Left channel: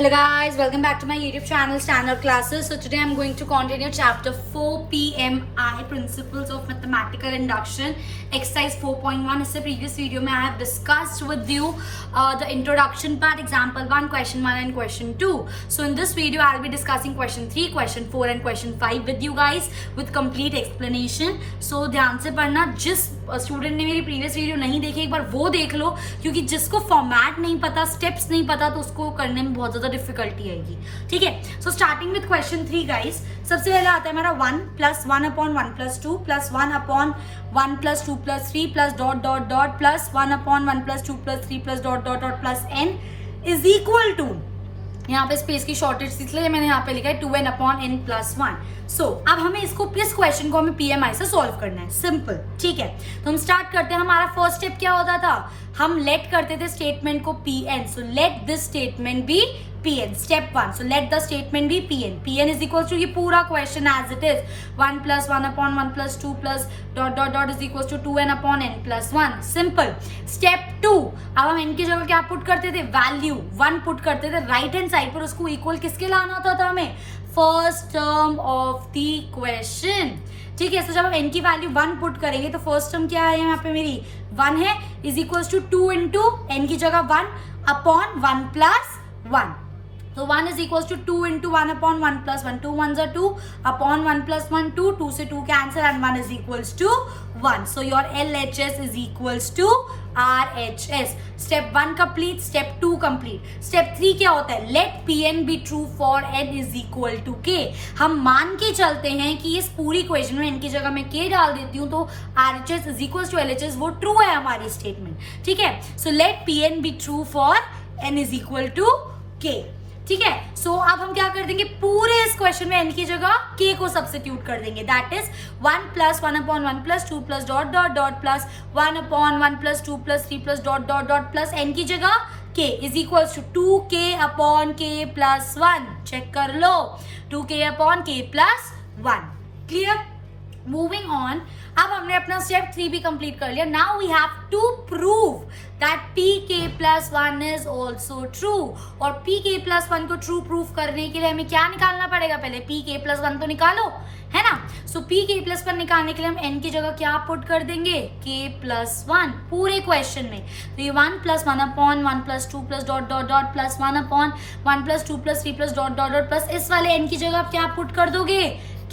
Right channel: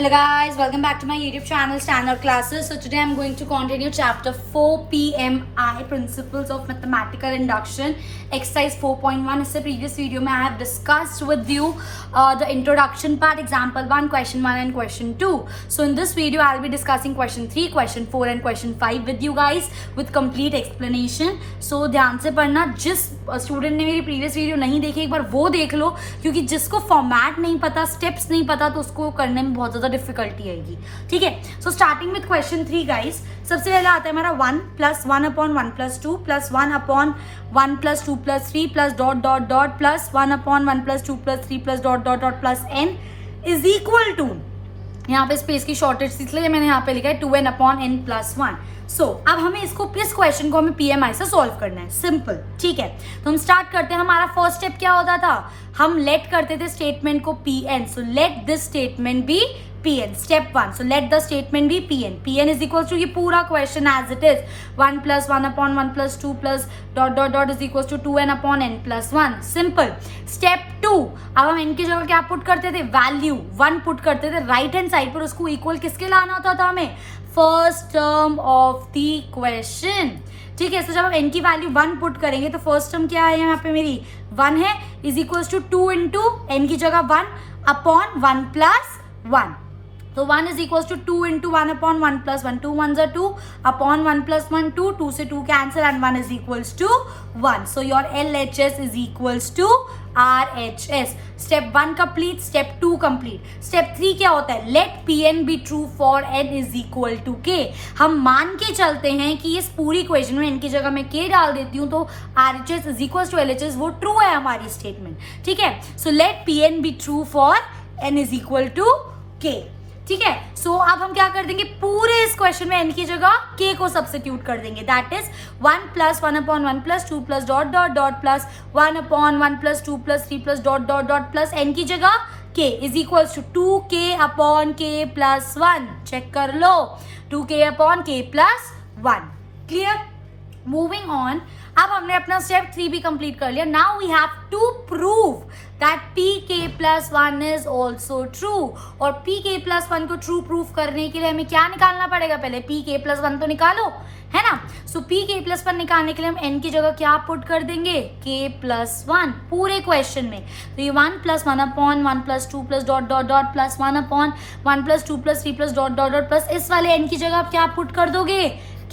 Hello guys, welcome back to my YouTube channel Standard Classes. So today I'm going to continue chapter 4 PMI Principles of Mathematical Induction exercise 4.1. इससे previous video में I have discussed with you the introduction part, example 1, question 1 and question 2. So in this video I'll be discussing question 3, question 4 and question 5 with you guys with complete explanation. So ध्यान से पढ़ना, जिस student ने मेरी previous video नहीं देखी एक बार वो देख लो, क्योंकि जिसको फॉर्मेट नहीं पता, स्टेप्स नहीं पता तो उसको करने में बहुत ज्यादा डिफिकल्टी आएगी. ठीक है, so starting with question 3 guys. सबसे पहले आता है हमारा 1 plus 1 upon 1 plus 2 plus 1 upon 1 plus 2 plus 3 plus dot dot dot plus 1 upon 1 plus 2 plus 3 plus dot dot dot plus n is equal to, यहाँ पे स्पेस की शॉर्टेज इसलिए मैंने यहाँ पे लिखा है 2n अपॉन n प्लस 1. सो अब हमें इस क्वेश्चन को हमें पीएमआई से सॉल्व करना है. सिंपल. ठीक है, तो हम स्टार्ट करते हैं. हमारा फर्स्ट स्टेप क्या होता था, हम लेट करते थे स्टेटमेंट को pn. So let this statement be pn. Step 1. So let the statement be pn. pn is equal to, ये पूरा question as it is 1 plus 1 upon 1 plus 2 plus dot dot dot is equal to 2n upon n plus 1. Simple. Step 2. अब हम n की जगह क्या put करते थे, value 1 put करते थे. राइट हैंड साइड पर उसको इक्वल किसके लाना होता था हमें, first term of the question. ठीक है, तो जब हम n की वैल्यू 1 पुट करेंगे तो फर्स्ट टर्म क्या है, यहाँ पे मेरी 1 है, is equal to 2 into n की जगह 1 अपॉन 1 प्लस 1. तो 1 is equal to 2 into 1 upon 1 plus 1. 2 1 2 upon 1 plus 1 2. 2 से 2 cancel and 1 is equal to 1. So your LHS is equal to RHS. Step 1 complete. Step 2 complete. Step 3 क्या होता है, let Pn be true for n is equal to k. हम मान के चलते हैं कि इस पूरी इक्वेशन में n की जगह मैं k डाल देती हूँ तो RHS is equal to LHS वो ट्रू है हमारी स्टेटमेंट. ठीक है, so let Pn be true for n is equal to k. ठीक है, सो अब हम क्या कर देंगे, पूरे इस क्वेश्चन में n की जगह k को सब्स्टिट्यूट कर देंगे. That is 1 plus 1 upon 1 plus 2 plus dot dot dot plus 1 upon 1 plus 2 plus 3 plus dot dot dot plus n की जगह k is equal to 2k upon k plus 1. Check कर लो, 2k upon k plus 1. Clear. Moving on. अब हमने अपना step 3 भी complete कर लिया. Now we have to prove that pk plus 1 is also true. और pk प्लस 1 को ट्रू प्रूफ करने के लिए हमें क्या निकालना पड़ेगा, पहले pk प्लस 1 तो निकालो, है ना. सो pk प्लस 1 निकालने के लिए हम n की जगह क्या पुट कर देंगे, k प्लस 1 पूरे क्वेश्चन में. तो ये 1 plus 1 upon 1 plus 2 plus dot dot dot plus 1 upon 1 plus 2 plus 3 plus dot dot dot plus इस वाले n की जगह आप क्या पुट कर दोगे,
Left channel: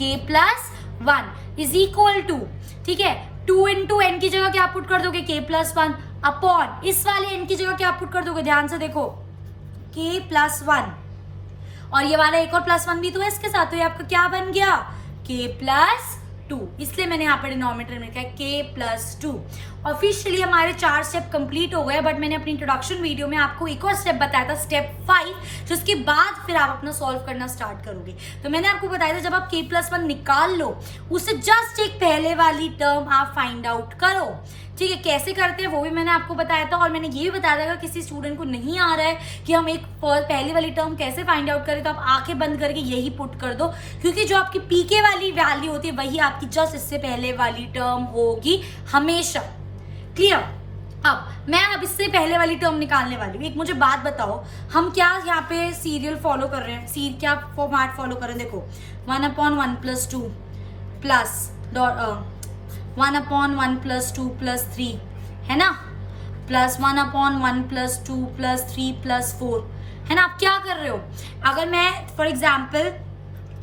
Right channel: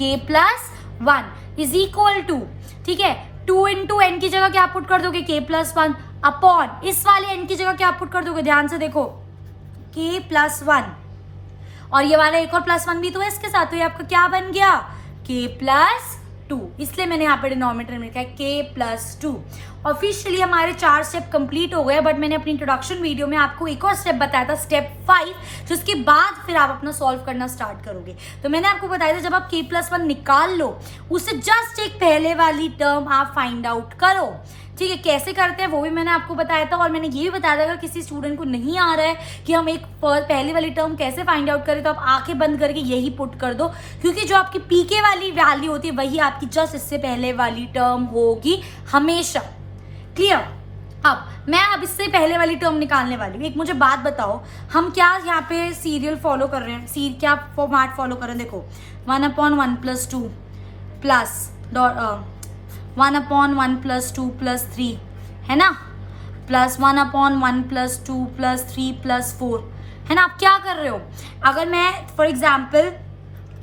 k plus 1 is equal to, ठीक है, 2 इंटू n की जगह क्या पुट कर दोगे, k प्लस 1 अपॉन इस वाले n की जगह क्या पुट कर दोगे, ध्यान से देखो, k प्लस 1 और ये वाला एक और प्लस 1 भी तो है इसके साथ, तो ये आपका क्या बन गया, k प्लस 2. इसलिए मैंने यहाँ पे डिनोमिनेटर में लिखा है k प्लस 2. ऑफिशियली हमारे 4 स्टेप कंप्लीट हो गए, बट मैंने अपनी इंट्रोडक्शन वीडियो में आपको एक और स्टेप बताया था, स्टेप 5, जिसके बाद फिर आप अपना सॉल्व करना स्टार्ट करोगे. तो मैंने आपको बताया था जब आप k प्लस 1 निकाल लो उससे जस्ट एक पहले वाली टर्म आप फाइंड आउट करो. ठीक है, कैसे करते हैं वो भी मैंने आपको बताया था. और मैंने ये भी बताया था अगर किसी स्टूडेंट को नहीं आ रहा है कि हम एक पहली वाली टर्म कैसे फाइंड आउट करें, तो आप आंखें बंद करके यही पुट कर दो, क्योंकि जो आपकी pk वाली वैल्यू होती है वही आपकी जस्ट इससे पहले वाली टर्म होगी हमेशा. क्लियर. अब इससे पहले वाली टर्म निकालने वाली हूँ. एक मुझे बात बताओ, हम क्या यहाँ पे सीरियल फॉलो कर रहे हैं, क्या फॉर्मेट फॉलो कर रहे हैं, देखो 1 upon 1 plus 2 plus 1 upon 1 plus 2 plus 3, है ना, plus 1 upon 1 plus 2 plus 3 plus 4, है ना. आप क्या कर रहे हो, अगर मैं for example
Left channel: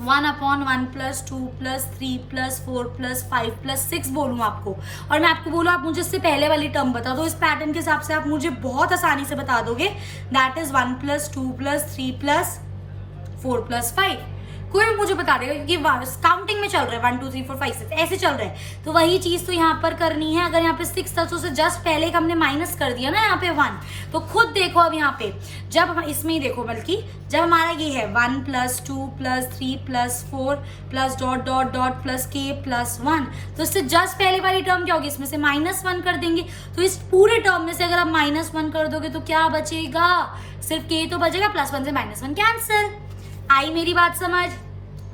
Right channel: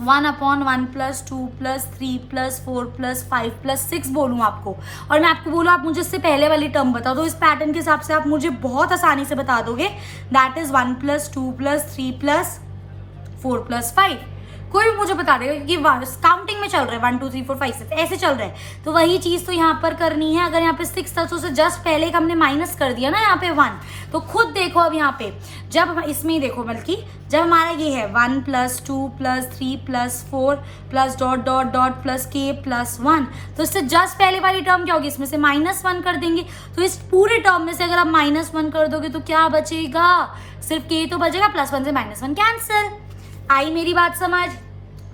1 upon 1 plus 2 plus 3 plus 4 plus 5 plus 6 बोलूँ आपको, और मैं आपको बोलूँ आप मुझे इससे पहले वाली टर्म बता दो, इस पैटर्न के हिसाब से आप मुझे बहुत आसानी से बता दोगे. That is 1 plus 2 plus 3 plus 4 plus 5. कोई भी मुझे बता देगा, क्योंकि काउंटिंग में चल रहा है 1 2 3 4 5 6 ऐसे चल रहा है. तो वही चीज तो यहाँ पर करनी है. अगर यहाँ पे 6 था तो उसे जस्ट पहले हमने माइनस कर दिया ना यहाँ पे 1, तो खुद देखो अब यहाँ पे जब इसमें ही देखो, बल्कि जब हमारा ये है 1 plus 2 plus 3 plus 4 plus dot dot dot plus k plus 1, तो इससे जस्ट पहले वाली टर्म क्या होगी, इसमें से -1 कर देंगे. तो इस पूरे टर्म में से अगर आप -1 कर दोगे तो क्या बचेगा, सिर्फ k तो बचेगा, प्लस 1 से -1 कैंसिल. आई मेरी बात समझ.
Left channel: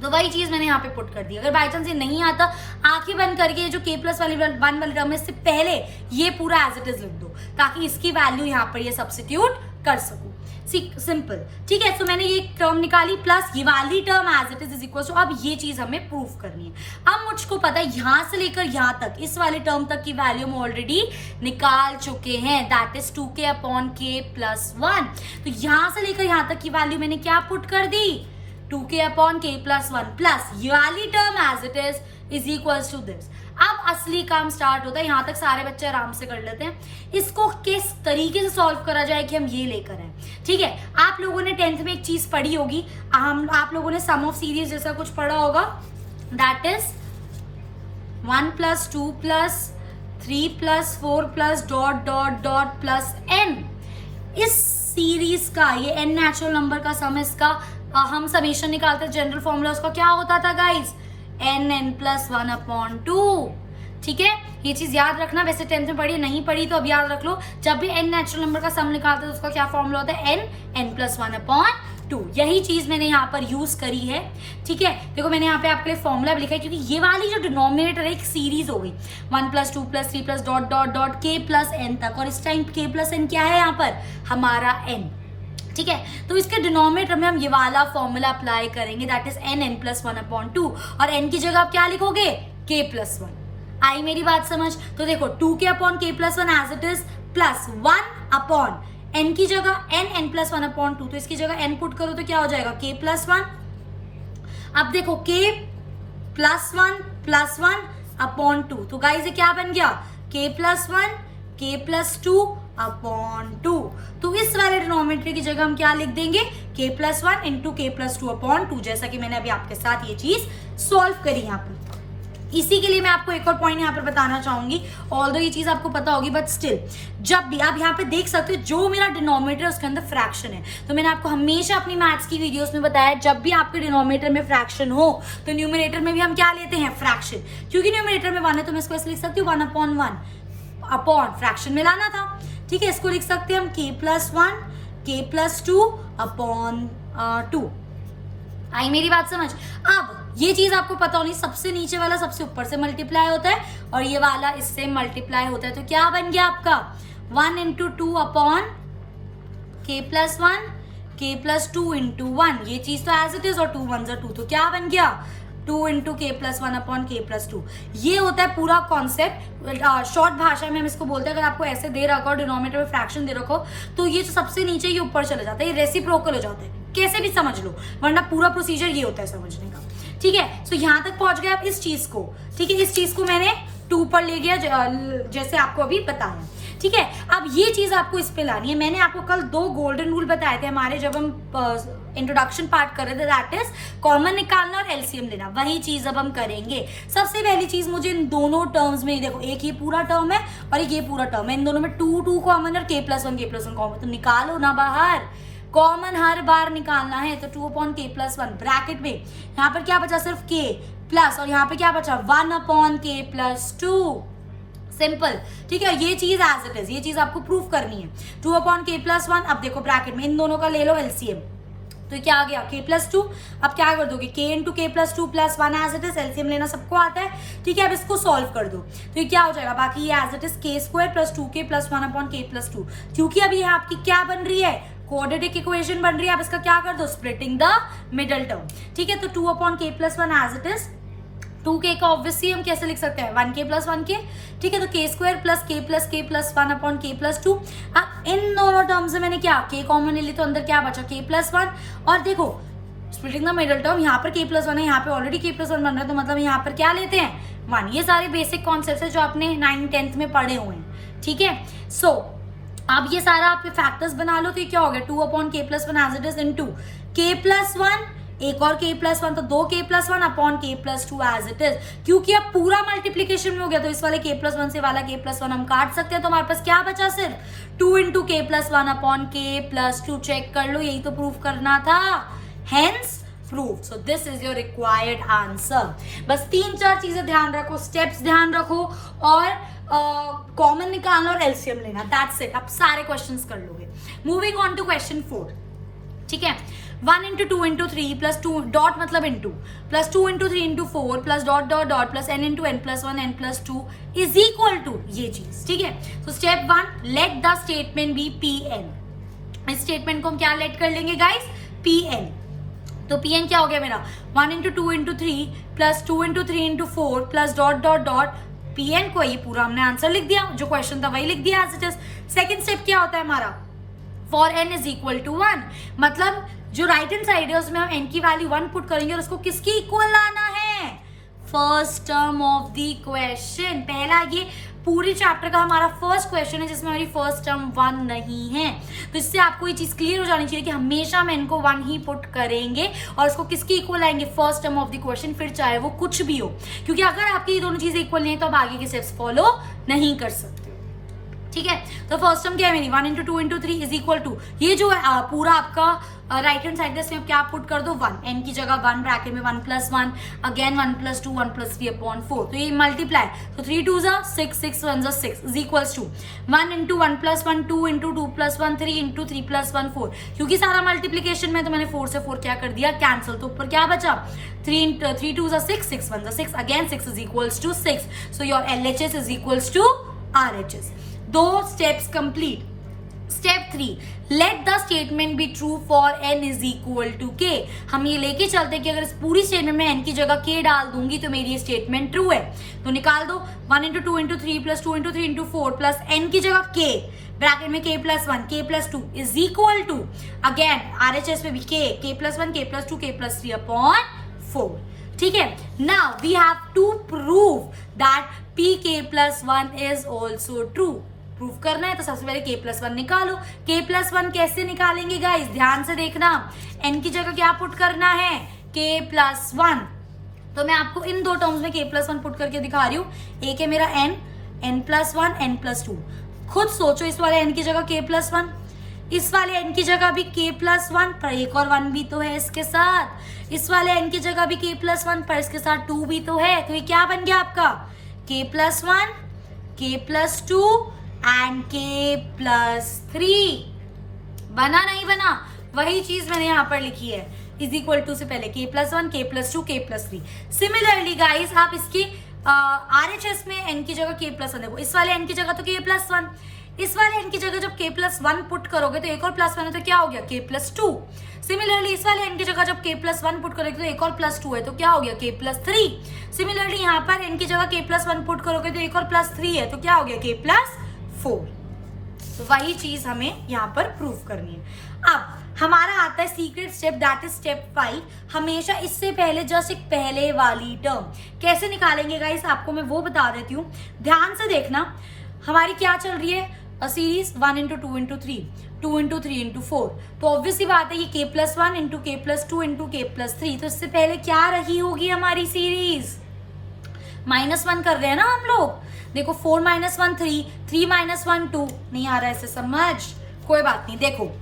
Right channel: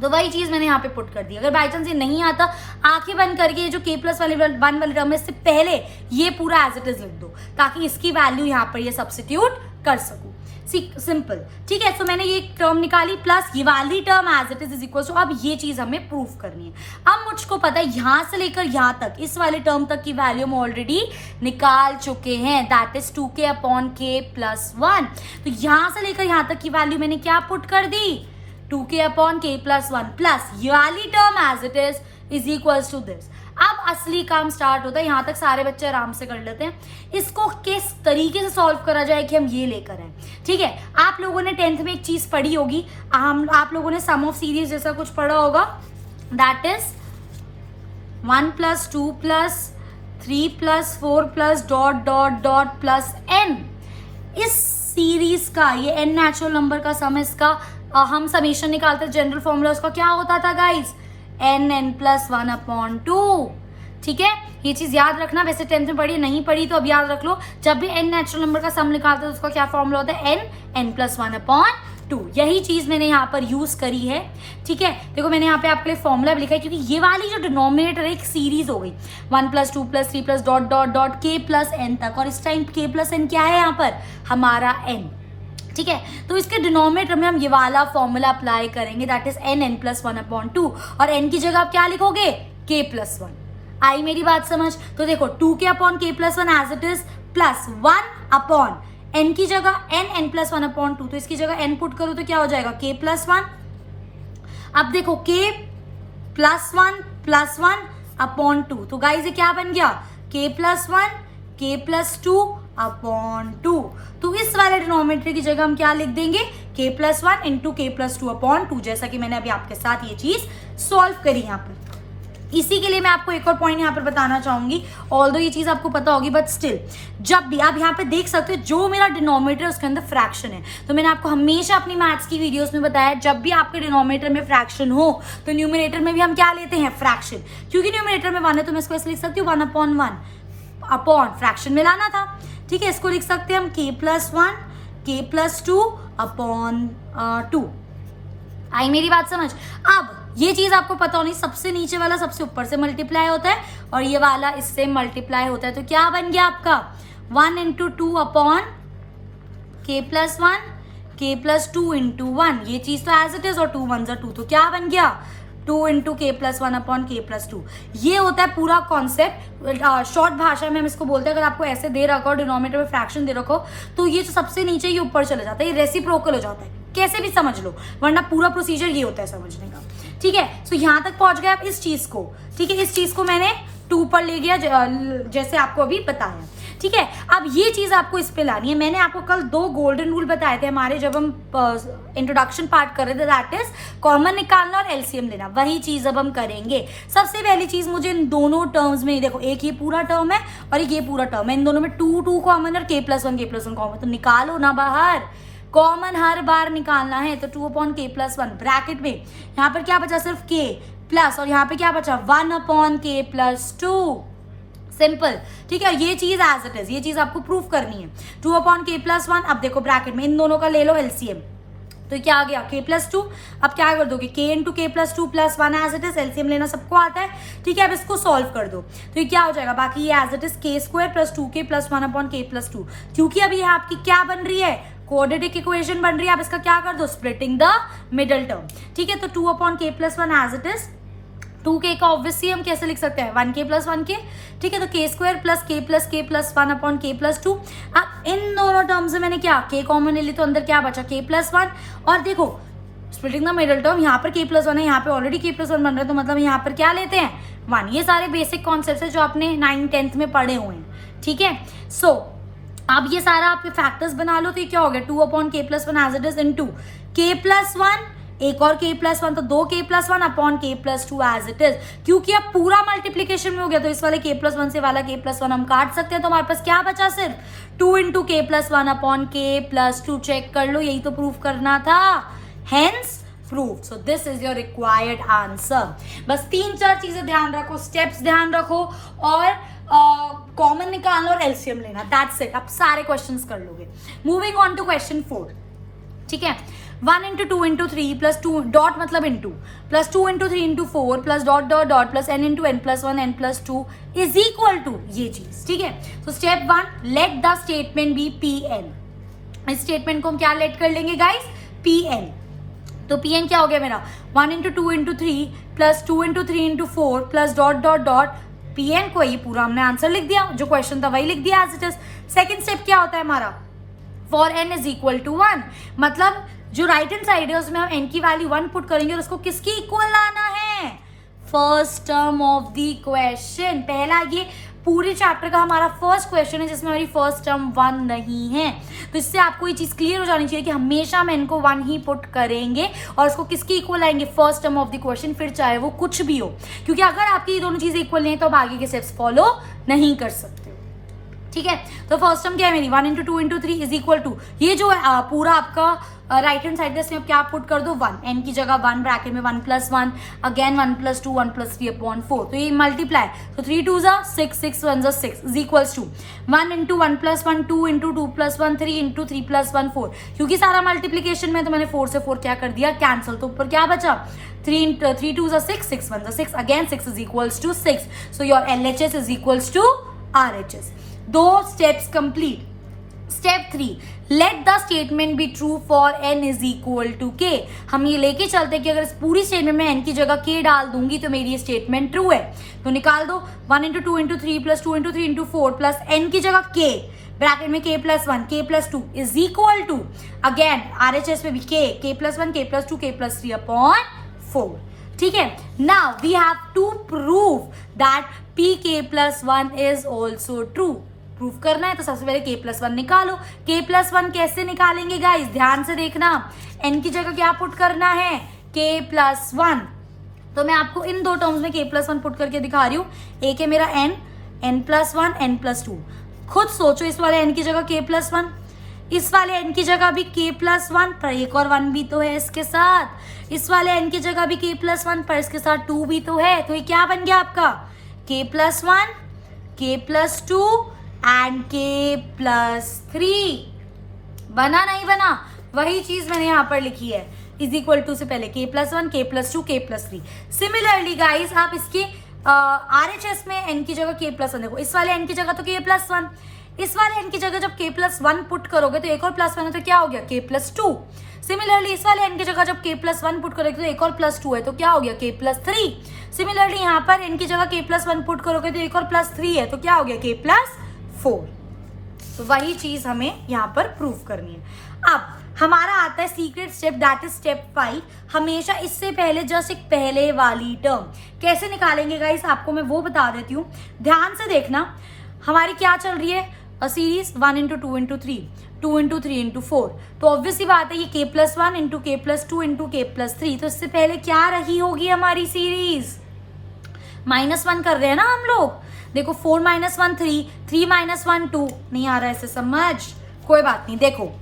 तो वही चीज मैंने यहाँ पे पुट कर दी. अगर बाई चांस ये नहीं आता, आंखें बंद करके जो k प्लस वाली 1 वाली टर्म है इससे पहले ये पूरा एज इट इज लिख दो, ताकि इसकी वैल्यू यहाँ पर ये सब्स्टिट्यूट कर सकूं. सिंपल, ठीक है। सो मैंने ये टर्म निकाली प्लस ये वाली term as it is equal to, अब ये चीज हमें प्रूफ करनी है। अब मुझको पता है यहां से लेकर यहां तक इस वाले टर्म तक की वैल्यू हम ऑलरेडी निकाल चुके हैं, that is 2k upon k plus 1। तो यहां से लेकर यहां तक की वैल्यू मैंने क्या पुट कर दी, 2k upon k plus 1 plus ये वाली term as it is equal to this. अब असली काम स्टार्ट होता है, यहां तक सारे बच्चे आराम से कर लेते हैं। इसको किस तरीके से सॉल्व करा जाए कि हम ये लेकर आए, ठीक है। आप लोगों ने 10th में एक चीज पढ़ी होगी, आप लोगों ने सम ऑफ सीरीज जैसा कुछ पढ़ा होगा, that is 1 plus 2 plus 3 plus 4 plus dot dot dot plus n। इस सीरीज का ये n नेचुरल नंबर का सम, इसका हम समेशन निकालते हैं, जनरल फॉर्मूला उसका क्या होता था गाइस, n प्लस 1 अपॉन 2, ठीक है। ये चीज याद रखना, वैसे 10th में पढ़ी नहीं पढ़ी तो अब याद रख लो। जब भी n नेचुरल नंबर का सम निकालते हैं तो उसका क्या फॉर्मूला होता है, n प्लस 1 अपॉन 2। यही चीज मैंने यहाँ पर यूज करी है, ठीक है। देखो मैंने यहाँ पे आपके लिए फॉर्मूला भी लिखा है, क्योंकि ये वाली जो डिनोमिनेटर एक सीरीज हो गई 1 plus 2 plus 3 plus dot dot dot k plus n तक, और इस टाइम k प्लस n क्या है यहाँ पर, हमारा n, ठीक है। तो इसके डिनोमिनेटर में हम ये वाला फॉर्मूला अप्लाई करेंगे, that is n plus 1 upon 2, और n की जगह आप क्या लिखोगे, k प्लस 1। आई मेरी बात समझ? तो देखो 2k upon k plus 1 as it is plus 1 upon n की जगह n प्लस 1 अपॉन 2, तो इसकी जगह n पुट करो तो क्या हो जाएगा, k प्लस 1। अब देखो k प्लस 1 अपॉन 2, तो गाइस ये क्या बन गया, k plus 1 k plus 2 upon 2। तो इस वाले डिनोमिनेटर की जगह हम क्या लिख देंगे, k plus 1 into k plus 2 upon 2, जैसा कि मैंने अभी आपके साथ ये चीज सॉल्व करी यहाँ पर। इसी के लिए मैं आपको एक और पॉइंट यहाँ पर बताना चाहूंगी, ऑल्दो ये चीज आपको पता होगी बट स्टिल, जब भी आप यहाँ पे देख सकते हो जो मेरा डिनोमिनेटर उसके अंदर फ्रैक्शन है, तो मैंने आपको हमेशा अपनी मैथ्स की वीडियोस में बताया, जब भी आपके डिनोमिनेटर में फ्रैक्शन हो तो न्यूमरेटर में भी हम क्या लेते हैं, फ्रैक्शन। क्योंकि न्यूमरेटर में 1 है तो मैं इसको ऐसे लिख सकती हूँ 1 अपॉन 1 अपॉन फ्रैक्शन में लाना था, ठीक है। इसको लिख सकते हैं हम k plus 1 k plus 2 upon 2। आई मेरी बात समझ? अब ये चीज आपको पता होनी, सबसे नीचे वाला सबसे ऊपर से मल्टीप्लाई होता है और ये वाला इससे मल्टीप्लाई होता है, तो क्या बन गया आपका 1 into 2 upon k plus 1 k plus 2 into 1, ये चीज तो एज इट इज, और 2 1 2, तो क्या बन गया 2 into k plus 1 upon k plus 2। ये होता है पूरा कॉन्सेप्ट। शॉर्ट भाषा में हम इसको बोलते हैं, अगर आपको ऐसे दे रखा हो डिनोमिनेटर में फ्रैक्शन दे रखो तो ये जो सबसे नीचे ये ऊपर चले जाता है, ये रेसिप्रोकल हो जाता है, कैसे भी समझ लो, वरना पूरा प्रोसीजर ये होता है समझने का, ठीक है। सो यहाँ तक पहुंच गए आप इस चीज को, ठीक है। इस चीज को मैंने 2 पर ले गया जैसे आपको अभी बताया, ठीक है। अब ये चीज आपको इस पे लानी है। मैंने आपको कल 2 गोल्डन रूल बताए थे हमारे, जब हम इंट्रोडक्शन पार्ट कर रहे थे, दैट इज कॉमन निकालना और एलसीएम लेना, वही चीज अब हम करेंगे। सबसे पहली चीज मुझे इन दोनों टर्म्स में, देखो एक ये पूरा टर्म है और एक ये पूरा टर्म है, इन दोनों में 2 कॉमन और k प्लस 1 कॉमन, तो निकालो ना बाहर, कॉमन हर बार निकालना है। तो 2 अपॉन k प्लस 1 ब्रैकेट में, यहाँ पर क्या बचा, सिर्फ k प्लस, और यहाँ पे क्या बचा 1 अपॉन k प्लस 2, सिंपल, ठीक है। ये चीज एज इट इज, ये चीज आपको प्रूफ करनी है। 2 अपॉन k प्लस 1, अब देखो ब्रैकेट में इन दोनों का ले लो एलसीएम, तो क्या आ गया k प्लस 2। अब क्या कर दोगे, k into k plus 2 plus 1 as it is, LCM लेना सबको आता है, ठीक है। अब इसको सॉल्व कर दो तो ये क्या हो जाएगा, बाकी ये as it is k square plus 2k plus 1 upon k plus 2, क्योंकि अब ये आपकी क्या बन रही है, क्वाड्रेटिक इक्वेशन बन रही है। आप इसका क्या कर दो, स्प्लिटिंग द मिडल टर्म, ठीक है। तो 2 upon k plus 1 as it is, 2k का ऑब्वियसली हम कैसे लिख सकते हैं, 1k प्लस 1k, ठीक है। तो k square plus k plus 1 upon k plus 2। अब इन दोनों टर्म्स में मैंने क्या, k कॉमन ले ली, तो अंदर क्या बचा, k प्लस 1, और देखो स्प्लिटिंग द मिडल टर्म, यहाँ पर k प्लस 1 है, यहाँ पे ऑलरेडी k प्लस 1 बन रहा है, तो मतलब यहाँ पर क्या लेते हैं 1। ये सारे बेसिक कॉन्सेप्ट है जो आपने 9th 10th में पढ़े हुए हैं, ठीक है। सो अब ये सारा आप फैक्टर्स बना लो, तो ये क्या हो गया 2 upon k plus 1 as it is into k plus 1, एक और k प्लस 1, तो 2k plus 1 upon k plus 2 as it is. क्योंकि अब पूरा मल्टीप्लीकेशन में हो गया तो इस वाले k प्लस 1 से वाला k प्लस 1 हम काट सकते हैं, तो हमारे पास क्या बचा, सिर्फ 2 into k plus 1 upon k plus 2। Check कर लो, यही तो प्रूफ करना था, hence proof. So this is your required answer. बस 3-4 चीजें ध्यान रखो, स्टेप्स ध्यान रखो, और कॉमन निकालना और एलसीएम लेना, दैट्स इट। आप सारे क्वेश्चंस कर लोगे। मूविंग ऑन टू क्वेश्चन 4, ठीक है। 1 इंटू 2 इंटू 3 प्लस 2 डॉट मतलब into plus 2 into 3 into 4 plus dot dot dot plus n into n plus 1 n plus 2 is equal to ये चीज, ठीक है। तो step 1, let the statement be Pn। इस statement को हम क्या लेट कर लेंगे गाइस, Pn। तो Pn क्या हो गया मेरा, 1 into 2 into 3 plus 2 into 3 into 4 plus dot dot dot Pn को, ये पूरा हमने आंसर लिख दिया, जो क्वेश्चन था वही लिख दिया as it is. Second step क्या होता है हमारा, for n is equal to 1, मतलब जो राइट हैंड साइड है उसमें हम n की वैल्यू 1 पुट करेंगे और उसको किसकी इक्वल लाना है, first term of the question. पहला ये पूरे चैप्टर का हमारा फर्स्ट क्वेश्चन है जिसमें हमारी फर्स्ट टर्म 1 नहीं है, तो इससे आपको ये चीज क्लियर हो जानी चाहिए कि हमेशा हम n को 1 ही पुट करेंगे और उसको किसकी इक्वल लाएंगे, first term of the question, फिर चाहे वो कुछ भी हो, क्योंकि अगर आपकी ये दोनों चीजें इक्वल नहीं है तो आप आगे के स्टेप्स फॉलो नहीं कर सकते। ठीक है, तो फर्स्ट टर्म क्या है मेरी, 1 into 2 into 3 is equal to, ये जो है पूरा आपका राइट हैंड साइड है इसमें आप क्या पुट कर दो, 1, n की जगह 1 ब्रैकेट में 1 plus 1 again 1 plus 2 1 plus 3 upon 4, तो ये मल्टीप्लाई, तो 3 2 6 6 1 6 is equals to 1 into 1 plus 1 2 into 2 plus 1 3 into 3 plus 1 4, क्योंकि सारा मल्टीप्लीकेशन में तो मैंने 4 से 4 क्या कर दिया कैंसिल, तो ऊपर क्या बचा 3 2 6 6 1 6 again 6 is equals to 6, so your LHS is equals to RHS। दो steps complete. Step 3, let the statement be true for n is equal to k। हम ये लेके चलते कि अगर इस पूरी स्टेटमेंट में n की जगह k डाल दूंगी तो मेरी स्टेटमेंट ट्रू है, तो निकाल दो 1 into 2 into 3 plus 2 into 3 into 4 प्लस n की जगह k ब्रैकेट में k plus 1 k plus 2 is equal to again RHS में भी k plus 1 k plus 2 k plus 3 upon 4। ठीक है, now we have to prove that pk plus 1 is also true। Proof करना है तो सबसे पहले k plus 1 निकालो। k plus 1 कैसे निकालेंगे गाइस, ध्यान से देखना, n की जगह क्या पुट करना है, k plus 1, तो मैं आपको इन दो टर्म्स में k plus 1 पुट करके दिखा रही हूँ। एक है मेरा n plus 1 n plus 2, खुद सोचो इस वाले n की जगह k plus 1, इस वाले n की जगह भी k plus 1 पर एक और 1 भी तो है इसके साथ, इस वाले n की जगह भी k plus 1 पर इसके साथ 2 भी तो है, तो ये क्या बन गया आपका k plus 1 k plus 2 and k plus 3। बना नहीं बना, वही चीज मैंने यहाँ पर लिखी है, इज इक्वल टू से पहले k plus 1 k plus 2 k plus 3। Similarly guys आप इसके RHS में n की जगह k plus 1 देखो, इस वाले n की जगह तो k plus 1, इस वाले n की जगह जब k plus 1 पुट करोगे तो एक और प्लस 1 है तो क्या हो गया k plus 2। सिमिलरली इस वाले n की जगह जब k plus 1 पुट करोगे तो एक और प्लस 2 है तो क्या हो गया k plus 3। सिमिलरली यहाँ पर n की जगह k plus 1 पुट करोगे तो एक और प्लस 3 है तो क्या हो गया k plus 4। तो वही चीज हमें यहाँ पर प्रूव करनी है। अब हमारा आता है secret step, that is step 5। हमेशा इससे पहले जस्ट एक पहले वाली टर्म कैसे निकालेंगे गाइस, आपको मैं वो बता देती हूँ, ध्यान से देखना। हमारी क्या चल रही है series 1 into 2 into 3 2 into 3 into 4, तो ऑब्वियसली बात है ये k plus 1 into k plus 2 into k plus 3, तो इससे पहले क्या रही होगी हमारी सीरीज, -1 कर रहे हैं ना हम लोग। देखो 4 minus 1 3 3 minus 1 2, नहीं आ रहा है इसे समझ, कोई बात नहीं। देखो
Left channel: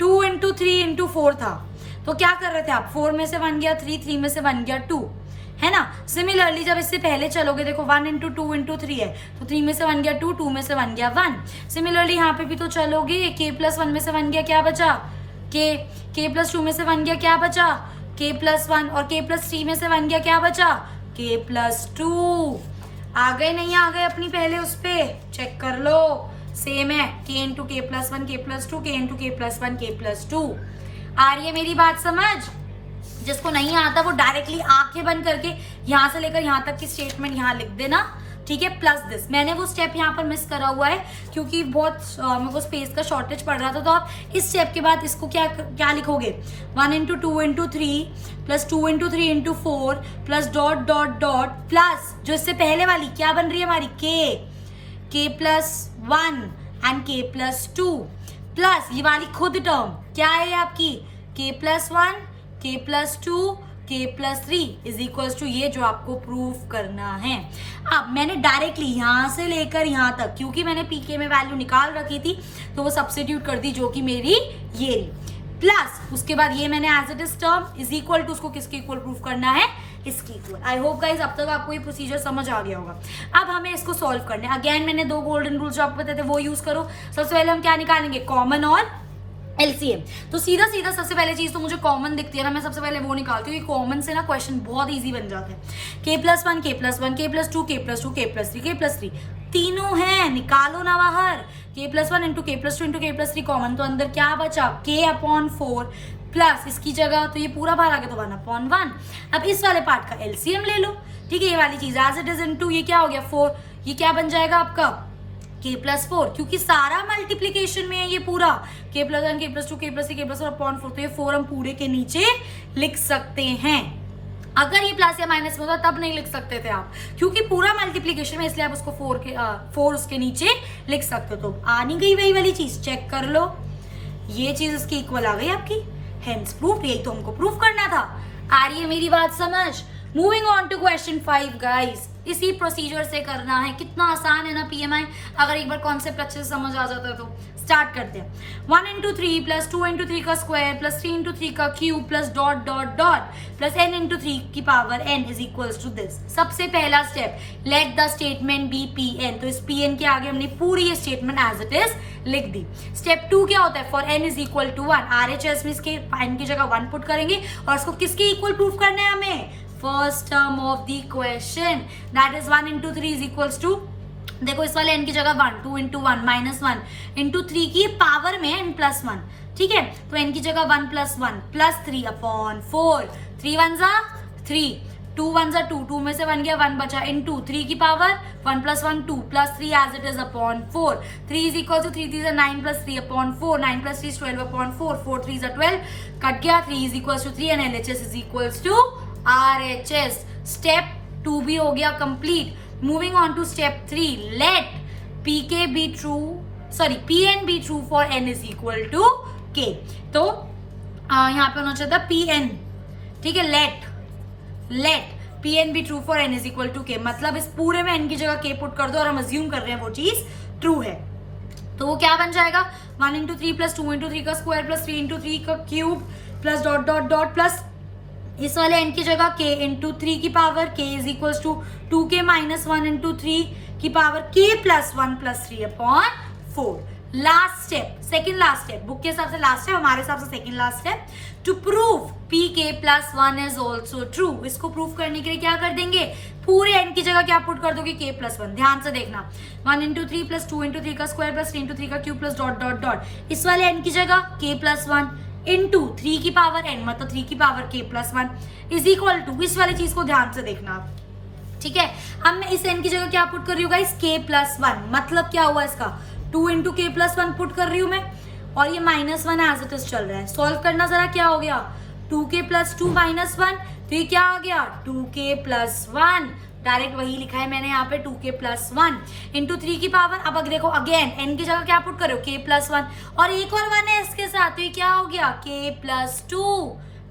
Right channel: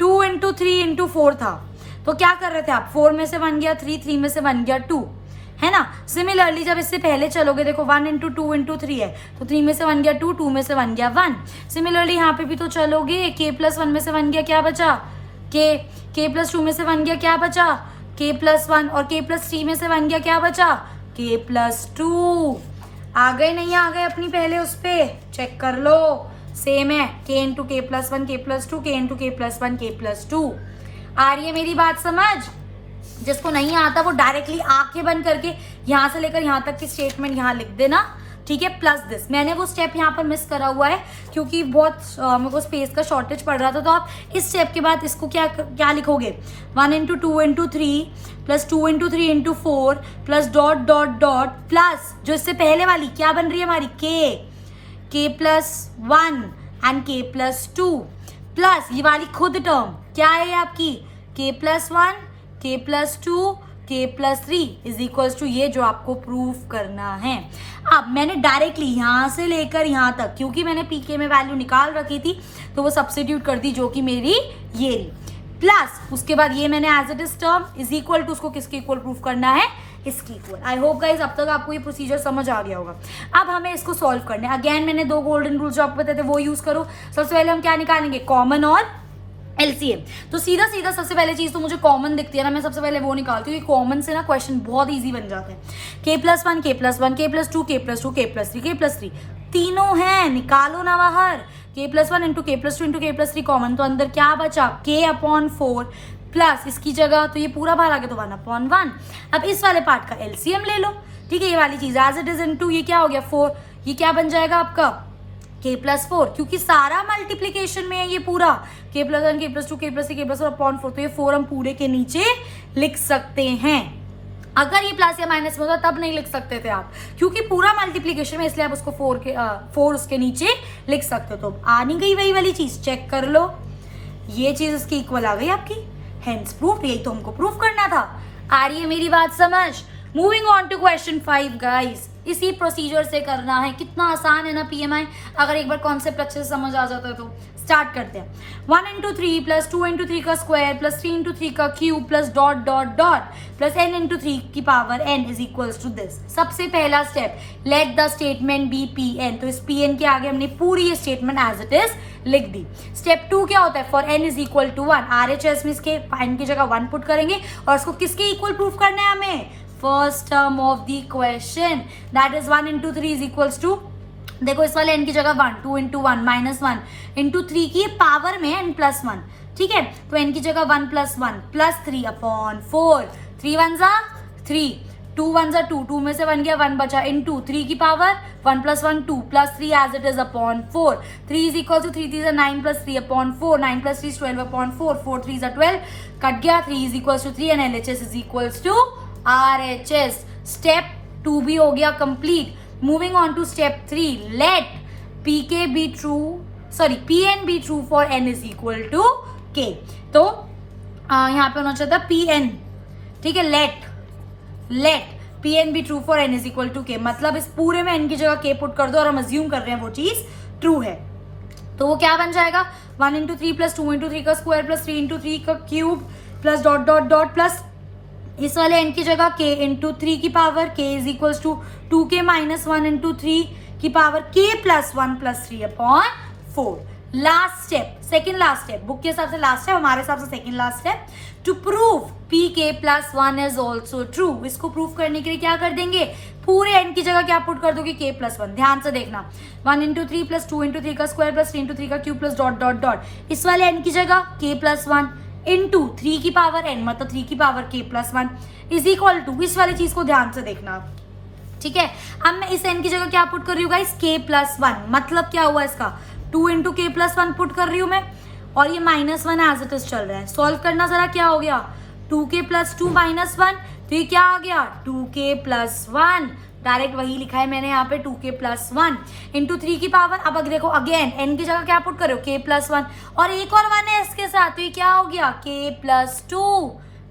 2 into 3 into 4 था, तो क्या कर रहे थे आप, 4 में से 1 गया 3 3 में से 1 गया 2, है ना। सिमिलरली जब इससे पहले चलोगे देखो 1 into 2 into 3 है तो 3 में से 1 गया 2 2 में से 1 गया 1। सिमिलरली यहाँ पे भी तो चलोगे, k plus 1 में से 1 गया क्या बचा k plus 2 में से 1 गया क्या बचा k plus 1, और k plus 3 में से 1 गया क्या बचा k plus 2। आ गए नहीं आ गए अपनी पहले उस पे चेक कर लो, सेम है k into k plus 1 k plus 2 k into k plus 1 k plus 2। आ रही है मेरी बात समझ, जिसको नहीं आता वो डायरेक्टली आंखें बंद करके यहाँ से लेकर यहाँ तक की स्टेटमेंट यहाँ लिख देना, ठीक है। प्लस दिस, मैंने वो स्टेप यहाँ पर मिस करा हुआ है क्योंकि बहुत मेरे को स्पेस का शॉर्टेज पड़ रहा था, तो आप इस स्टेप के बाद इसको क्या लिखोगे 1 into 2 into 3 plus 2 into 3 into 4 plus dot dot dot plus जो इससे पहले वाली क्या बन रही है हमारी k plus 1 and k plus 2 plus ये वाली खुद टर्म क्या है आपकी k plus 1 k plus 2 k plus 3 is equals to ये जो आपको प्रूफ करना है। अब मैंने डायरेक्टली यहाँ से लेकर यहाँ तक, क्योंकि मैंने pk में वैल्यू निकाल रखी थी तो वो सब्स्टिट्यूट कर दी जो कि मेरी ये, प्लस उसके बाद ये मैंने as it is term is equal to उसको किसके इक्वल प्रूफ करना है, इसकी इक्वल। आई होप गाइज अब तक आपको ये प्रोसीजर समझ आ गया होगा। अब हमें इसको सॉल्व करना है। अगेन मैंने 2 गोल्डन रूल्स जो आपको बताए थे वो यूज करो। सबसे पहले हम क्या निकालेंगे, कॉमन और LCM। तो सीधा सीधा सबसे पहले चीज तो मुझे कॉमन दिखती है ना, मैं सबसे पहले वो निकालती हूँ। कॉमन से ना क्वेश्चन बहुत इजी बन जाता है। k plus 1 k plus 1 k plus 2 k plus 2 k plus 3 k plus 3 तीनों हैं, निकालो ना बाहर। k+1 into k+2 into k+3 common, तो अंदर क्या बचा k/4 प्लस इसकी जगह तो ये पूरा बाहर आ गया तो 1/1। अब इस वाले पार्ट का एलसीएम ले लो, ठीक है, ये वाली चीज एज इट इज इनटू ये क्या हो गया 4, ये क्या बन जाएगा आपका k+4, क्योंकि सारा मल्टीप्लीकेशन में है ये पूरा k+1 k+2 k+3 k+4/4, तो ये 4 हम पूरे के नीचे लिख सकते हैं। अगर ये प्लस या माइनस में होता तब नहीं लिख सकते थे आप, क्योंकि पूरा मल्टीप्लीकेशन में, इसलिए आप उसको 4 उसके नीचे लिख सकते हो। तो आ नहीं गई वही वाली चीज, चेक कर लो, ये चीज उसकी इक्वल आ गई आपकी, हेंस प्रूफ, यही तो हमको प्रूफ करना था। आ रही है मेरी बात समझ? Moving on to question 5 guys, इसी प्रोसीजर से करना है, कितना आसान है ना PMI, अगर एक बार कॉन्सेप्ट अच्छे से समझ आ जाता है तो। स्टार्ट करते हैं। 1 इंटू 3 प्लस 2 इंटू 3 का स्क्वायर प्लस 3 इंटू 3 का cube plus dot dot dot plus n into 3 की power n is equals to this. सबसे पहला step, let the statement be Pn, तो इस Pn के आगे हमने पूरी ये स्टेटमेंट एज इट इज लिख दी। स्टेप 2 क्या होता है, for n is equal to 1, RHS में इसके n की जगह 1 पुट करेंगे और इसको किसके इक्वल प्रूफ करना है हमें, first term of the question, that is 1 into 3 is equals to, देखो इस वाले n की जगह 1, 2 इंटू 1 माइनस 1 इंटू 3 की पावर में n प्लस 1, ठीक है, तो n की जगह 1 प्लस 1 प्लस 3/4, 3 1 जा 3, 2 1 जा 2, 2 में से 1 गया 1 बचा, इंटू 3 की power 1 plus 1 2 plus 3 as it is upon 4, 3 is equal to 3 3 9 plus 3/4, 9 plus 3 12/4, 4 3 12, cut गया, 3 is equal to 3 and LHS is equal to RHS। Step 2 भी हो गया complete. Moving on to step 3, let Pn be true for n is equal to k। तो यहाँ पे होना चाहिए था Pn, ठीक है, let Pn be true for n is equal to k, मतलब इस पूरे में n की जगह k पुट कर दो और हम अज्यूम कर रहे हैं वो चीज ट्रू है, तो वो क्या बन जाएगा 1 इंटू 3 प्लस 2 इंटू 3 का स्क्वायर प्लस 3 इंटू 3 का cube plus dot dot dot plus इस वाले n की जगह k इंटू 3 की power k is equal to 2k minus 1 into 3 की power k plus 1 plus 3/4। Last step, second last step, book के हिसाब से लास्ट स्टेप, हमारे हिसाब से second last step, to prove pk plus 1 is also true. इसको prove करने के लिए क्या कर देंगे, पूरे n की जगह क्या पुट कर दोगे k प्लस 1, ध्यान से देखना, 1 इंटू 3 प्लस 2 इंटू 3 का स्क्वायर प्लस 3 इंटू 3 का cube plus dot dot dot इस वाले n की जगह k प्लस 1 इंटू 3 की पावर n, मतलब 3 की power k plus 1 is equal to, इस वाली चीज को ध्यान से देखना, ठीक है। अब मैं इस n की जगह क्या पुट कर रही हूँ गाइस, k प्लस 1, मतलब क्या हुआ इसका 2 इंटू k प्लस 1 पुट कर रही हूँ मैं, और ये माइनस 1 एज इट इज चल रहा है। सॉल्व करना जरा, क्या हो गया 2k प्लस 2 माइनस 1, तो ये क्या आ गया 2k प्लस 1, डायरेक्ट वही लिखा है मैंने यहाँ पे 2k प्लस 1 इंटू 3 की पावर, अब अगर देखो अगेन n की जगह क्या पुट करो k प्लस 1 और एक और 1 है इसके साथ, तो ये क्या हो गया k प्लस 2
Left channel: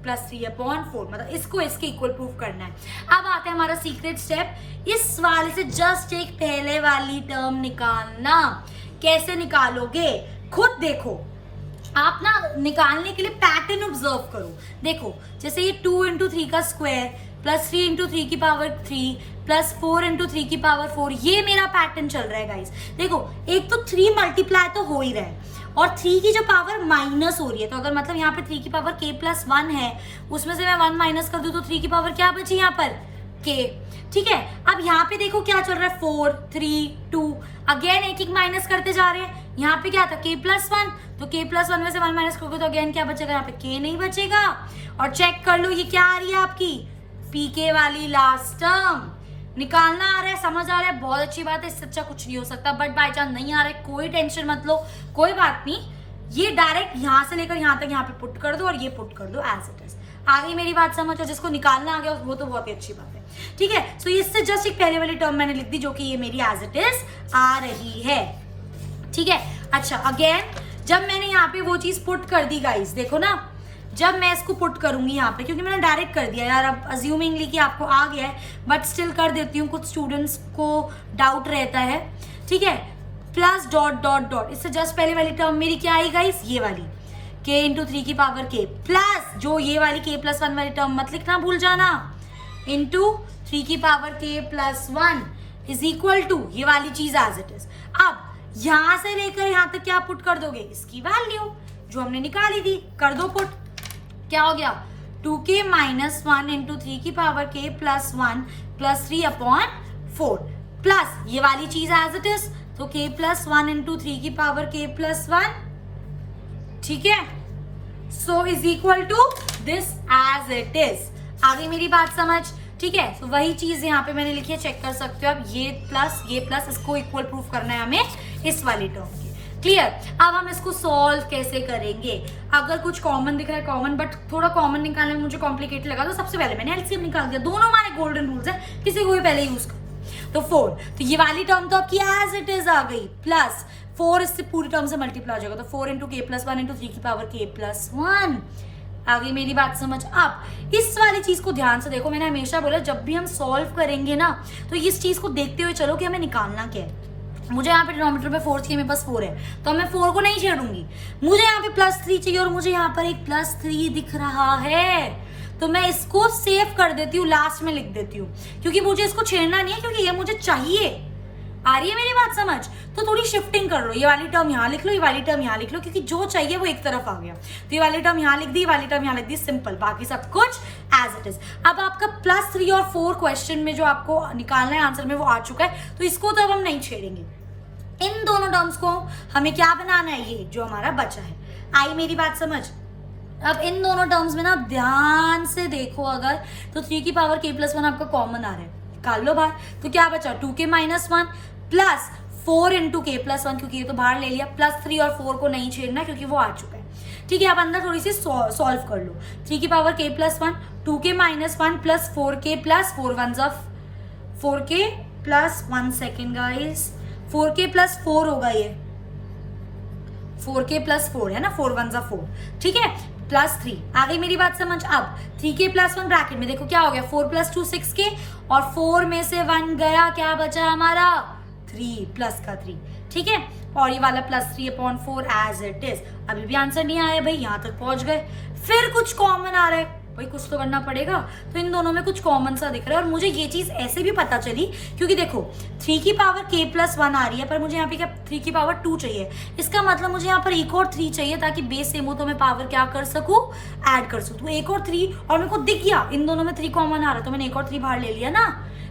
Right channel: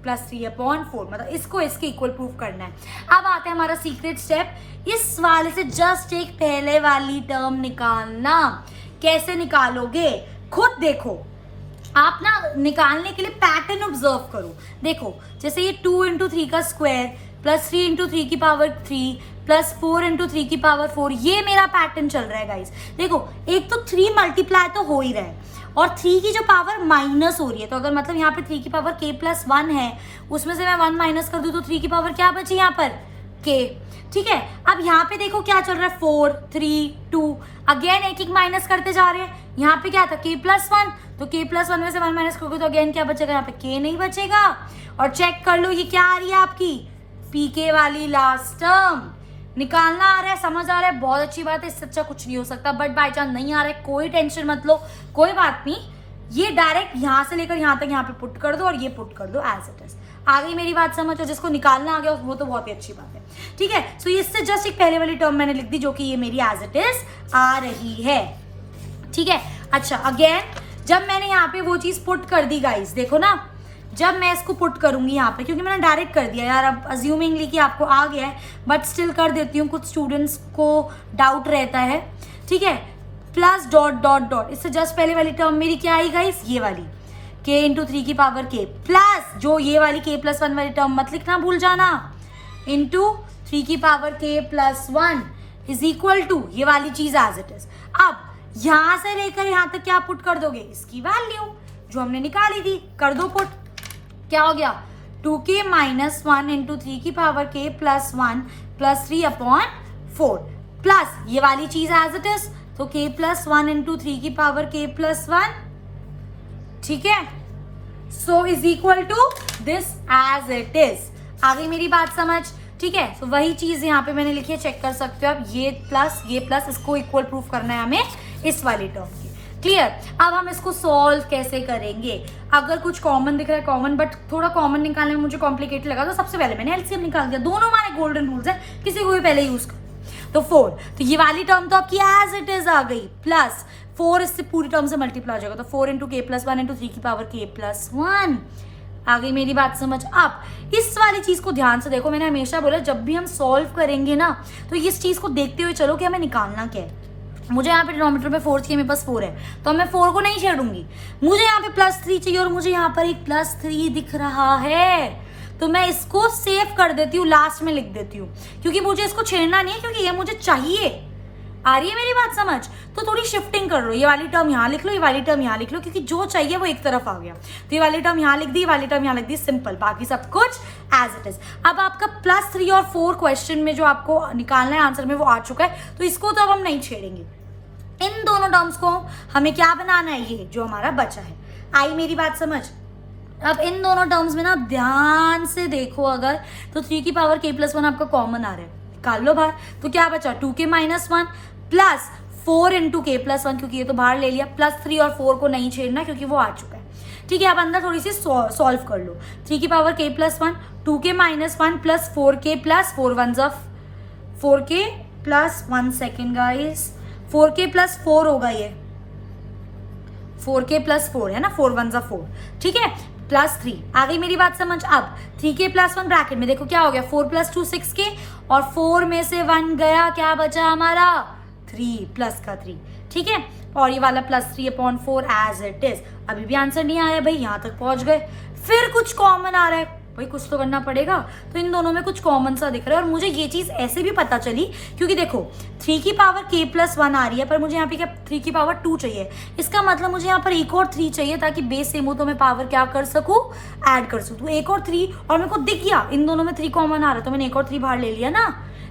प्लस 3/4, मतलब इसको इसके इक्वल प्रूफ करना है। अब आता है हमारा सीक्रेट स्टेप, इस वाले से जस्ट एक पहले वाली टर्म निकालना। कैसे निकालोगे खुद देखो, आप ना निकालने के लिए पैटर्न ऑब्जर्व करो। देखो जैसे ये 2 इंटू 3 का स्क्वायर प्लस 3 इंटू 3 की पावर 3 प्लस 4 इंटू 3 की पावर 4, ये मेरा पैटर्न चल रहा है गाइस। देखो एक तो 3 मल्टीप्लाई तो हो ही रहा है और 3 की जो पावर माइनस हो रही है, तो अगर मतलब यहाँ पे 3 की पावर k प्लस 1 है, उसमें से मैं 1 माइनस कर दूं तो 3 की पावर क्या बची यहाँ पर k, ठीक है। अब यहाँ पे देखो क्या चल रहा है 4 3 2, अगेन एक एक माइनस करते जा रहे हैं। यहाँ पे क्या था k प्लस 1, तो k प्लस 1 में से 1 माइनस करोगे तो अगेन क्या बचेगा, यहाँ पे k नहीं बचेगा। और चेक कर लो ये क्या आ रही है आपकी pk वाली लास्ट टर्म, निकालना आ रहा है, समझ आ रहा है, बहुत अच्छी बात है, इससे अच्छा कुछ नहीं हो सकता। बट बाय चांस नहीं आ रहा है, कोई टेंशन मत लो, कोई बात नहीं, ये डायरेक्ट यहाँ से लेकर यहाँ तक यहाँ पे पुट कर दो और ये पुट कर दो एज इट इज। आ गई मेरी बात समझ, और जिसको निकालना आ गया वो तो बहुत ही अच्छी बात है, ठीक है। सो इससे जस्ट एक पहले वाली टर्म मैंने लिख दी जो कि ये मेरी एज इट इज आ रही है, ठीक है। अच्छा अगेन जब मैंने यहाँ पे वो चीज पुट कर दी गाइस, देखो ना, जब मैं इसको पुट करूंगी यहाँ पे, क्योंकि मैंने डायरेक्ट कर दिया यार, अब अज्यूमिंगली कि आपको आ गया है, बट स्टिल कर देती हूँ, कुछ स्टूडेंट्स को डाउट रहता है, ठीक है। प्लस डॉट डॉट डॉट, इससे जस्ट पहले वाली टर्म मेरी क्या आई गाइस, ये वाली k इंटू 3 की पावर k प्लस जो ये वाली k प्लस 1 वाली टर्म मत लिखना भूल जाना, इंटू 3 की power k plus 1 is equal to ये वाली चीज एज इट इज। अब यहाँ से लेकर यहाँ तक क्या पुट कर दोगे, इसकी वैल्यू जो हमने निकाली थी कर दो पुट, क्या हो गया 2k माइनस 1 इंटू 3 की power k plus 1 plus 3/4 plus ये वाली चीज एज इट इज तो k प्लस 1 इंटू 3 की पावर k प्लस 1, ठीक है, so is equal to this as it is. आ गई मेरी बात समझ, ठीक है। तो वही चीज यहाँ पे मैंने लिखी है, चेक कर सकते हो आप, ये प्लस इसको इक्वल प्रूफ करना है हमें इस वाली टर्म की। क्लियर। अब हम इसको सॉल्व कैसे करेंगे? अगर कुछ कॉमन दिख रहा है कॉमन, बट थोड़ा कॉमन निकालने में मुझे कॉम्प्लिकेटेड लगा, तो सबसे पहले मैंने एलसीएम निकाल दिया। दोनों हमारे गोल्डन रूल्स है, किसी को भी पहले यूज कर। तो 4, तो ये वाली टर्म तो आपकी एज इट इज आ गई, प्लस 4 इससे पूरी टर्म से मल्टीप्लाई हो जाएगा, तो 4 इंटू k प्लस 1 इंटू 3 की पावर k प्लस 1। आ गई मेरी बात समझ। अब इस वाली चीज को ध्यान से देखो, मैंने हमेशा बोला जब भी हम सॉल्व करेंगे ना, तो इस चीज को देखते हुए चलो कि हमें निकालना क्या है। मुझे यहाँ पे डिनोमिनेटर में 4 चाहिए, मेरे पास 4 है, तो मैं 4 को नहीं छेड़ूंगी। मुझे यहाँ पे +3 चाहिए और मुझे यहाँ पर एक +3 दिख रहा है, तो मैं इसको सेव कर देती हूँ, लास्ट में लिख देती हूँ, क्योंकि मुझे इसको छेड़ना नहीं है, क्योंकि ये मुझे चाहिए। आ रही है मेरी बात समझ? तो थोड़ी शिफ्टिंग कर लो, ये वाली टर्म यहाँ लिख लो, ये वाली टर्म यहाँ लिख लो, क्योंकि जो चाहिए वो एक तरफ आ गया। तो ये वाली टर्म यहाँ लिख दी, ये वाली टर्म यहाँ लिख दी, सिंपल, बाकी सब कुछ एज इट इज। अब आपका +3 और 4 क्वेश्चन में जो आपको निकालना है आंसर में वो आ चुका है, तो इसको तो अब हम नहीं छेड़ेंगे। इन दोनों टर्म्स को हमें क्या बनाना है, ये जो हमारा बचा है। आई मेरी बात समझ? अब इन दोनों टर्म्स में ना ध्यान से देखो, अगर तो 3 की पावर k प्लस 1 आपका कॉमन आ रहा है, निकाल लो बाहर, तो क्या बचा 2k minus 1 plus 4 into k plus 1, क्योंकि ये तो बाहर ले लिया, प्लस 3 और 4 को नहीं छेड़ना क्योंकि वो आ चुका है। ठीक है, अब अंदर थोड़ी सी सॉल्व कर लो। 3 की power k plus 1, 2k minus 1 plus 4k plus 4 1 4k plus 1 second guys, 4k plus 4 होगा, ये 4k प्लस 4 है ना, 4 1 4, ठीक है, प्लस 3। आ गई मेरी बात समझ? अब 3k प्लस 1 ब्रैकेट में देखो क्या हो गया, 4 प्लस 2 6k, और 4 में से 1 गया, क्या बचा हमारा 3 प्लस का 3, ठीक है, और ये वाला +3/4 एज इट इज। अभी भी आंसर नहीं आया भाई, यहाँ तक पहुंच गए, फिर कुछ कॉमन आ रहा है भाई, कुछ तो करना पड़ेगा। तो इन दोनों में कुछ कॉमन सा दिख रहा है, और मुझे ये चीज ऐसे भी पता चली क्योंकि देखो 3 की पावर k प्लस 1 आ रही है, पर मुझे यहाँ पे क्या 3 की पावर 2 चाहिए, इसका मतलब मुझे यहाँ पर एक और 3 चाहिए, ताकि बेस सेम हो तो मैं पावर क्या कर सकूं, ऐड कर सकूं। तो एक और 3, और मेरे को दिख गया इन दोनों में 3 कॉमन आ रहा, तो मैंने एक और 3 बाहर ले लिया ना,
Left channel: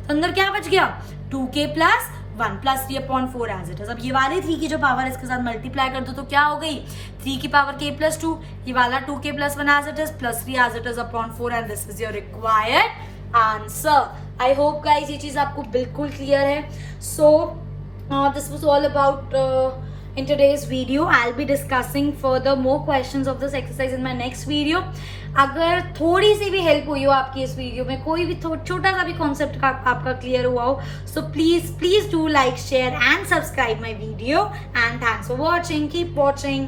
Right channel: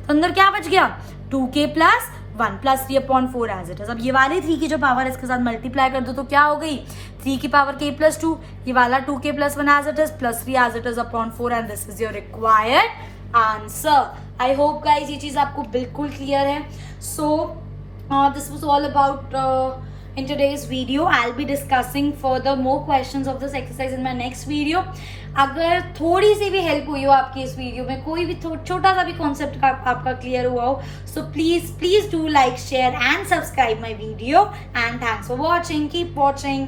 तो अंदर क्या बच गया 2k plus 1 plus 3/4 as it is. अब ये वाले 3 की जो पावर इसके साथ मल्टीप्लाई कर दो तो क्या हो गई, 3 की पावर k प्लस 2, ये वाला 2k plus 1 as it is, plus 3 as it is upon 4, and this is your required answer. I hope guys ये चीज आपको बिल्कुल क्लियर है। So this was all about in today's video. I'll be discussing further more questions of this exercise in my next video. अगर थोड़ी सी भी help हुई हो आपकी इस वीडियो में, कोई भी छोटा सा भी कॉन्सेप्ट का आपका क्लियर हुआ हो, so please do like, share and subscribe my video, and thanks for watching. Keep watching.